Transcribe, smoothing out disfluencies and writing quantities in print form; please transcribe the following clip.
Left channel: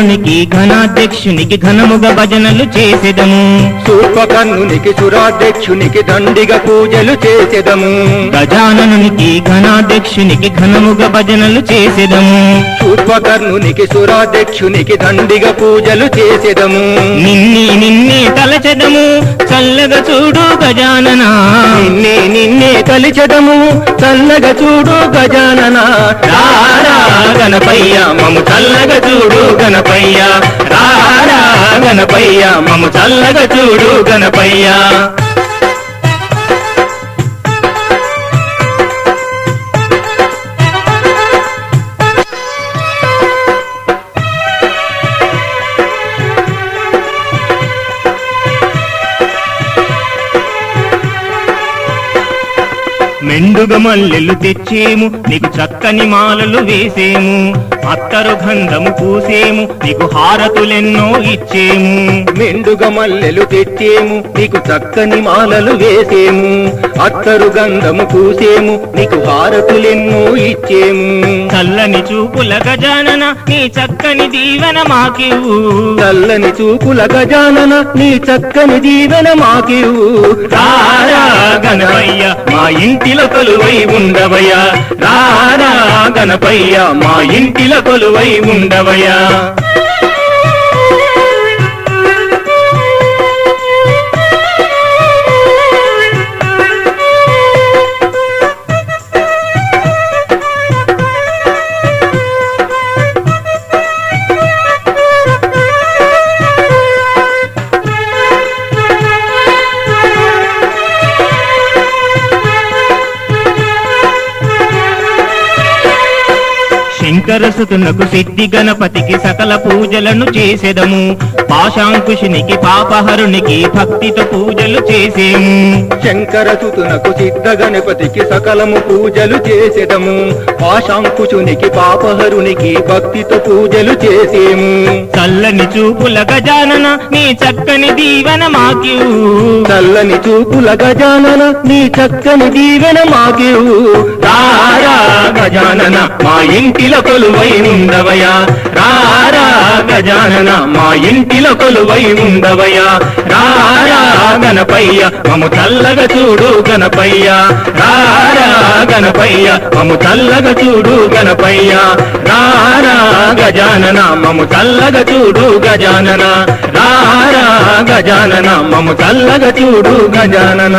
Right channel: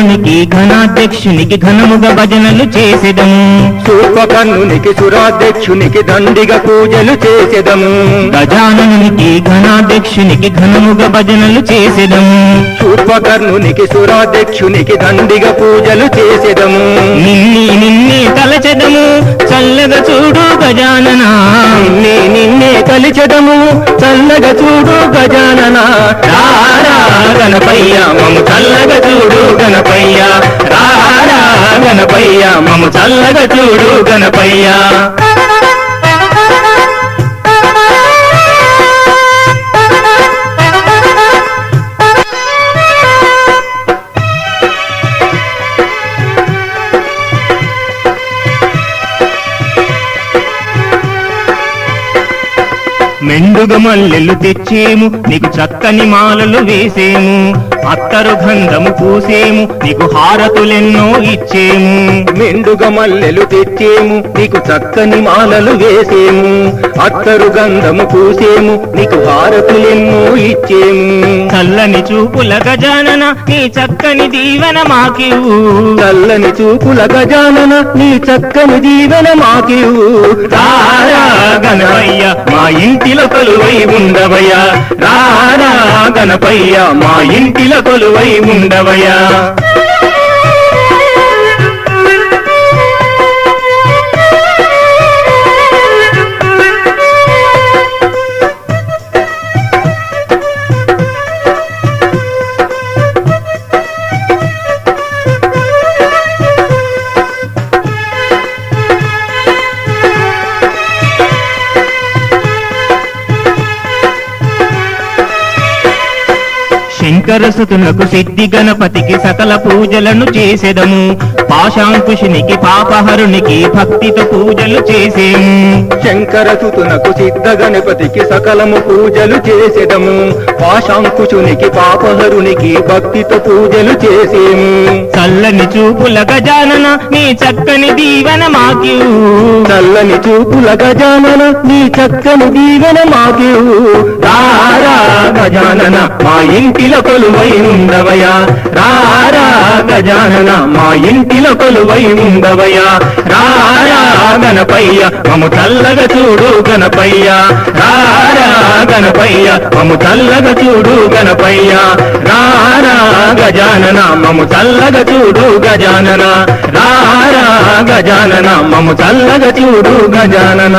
గజాననునికి ఘనాధ్యక్షునికి ఘనముగా భజనలు చేసెదము. శూర్పకర్ణునికి సురాధ్యక్షునికి దండిగా పూజలు చేసెదము. గజాననునికి ఘనాధ్యక్షునికి ఘనముగా భజనలు చేసెదము. శూర్పకర్ణునికి సురాధ్యక్షునికి దండిగా పూజలు చేసెదము. నిన్నే తలచెదము చల్లగా చూడు గజానన. నిన్నే తలిచెదము చల్లగా చూడు గజానన. రారా గణపయ్య మము చల్లగా చూడు గణపయ్య. రారా గణపయ్య మము చల్లగా చూడు గణపయ్య. మెండుగ మల్లెలు తెచ్చేము నీకు చక్కని మాలలు వేసేము. అత్తరు గంధము పూసేము నీకు హారతులెన్నో ఇచ్చేము. మెండుగ మల్లెలు తెచ్చేము నీకు చక్కని మాలలు వేసేము. అత్తరు గంధము పూసేము నీకు హారతులెన్నో ఇచ్చేము. చల్లని చూపుల గజానన నీ చక్కని దీవెన మాకివు. చల్లని చూపుల గజానన నీ చక్కని దీవెన మాకివు. రారా గణపయ్య మా ఇంటిలో కొలువై ఉండవయ్యా. రారా గణపయ్య మా ఇంటిలో కొలువై ఉండవయ్యా. శంకరసుతునకు సిద్ధి గణపతికి సకల పూజలను చేసెదము. పాశాంకుశునికి పాపహరునికి భక్తితో పూజలు చేసేము. శంకరసుతునకు సిద్ధ గణపతికి సకలము పూజలు చేసెదము. పాశాంకుశునికి పాపహరునికి భక్తితో పూజలు చేసేము. చల్లని చూపుల గజానన నీ చక్కని దీవెన మాకివు. చల్లని చూపుల గజానన నీ చక్కని దీవెన మాకివు. రారా గజానన మా ఇంటిలో కొలువై ఉండవయ్యా. రారా గజానన మా ఇంటిలో కొలువై ఉండవయ్యా. రారా గణపయ్య మము చల్లగా చూడు గణపయ్య. రారా గణపయ్య మము చల్లగా చూడు గణపయ్య. రారా గజానన మము చల్లగా చూడు గజానన. రారా గజానన మము చల్లగా చూడు గజానన.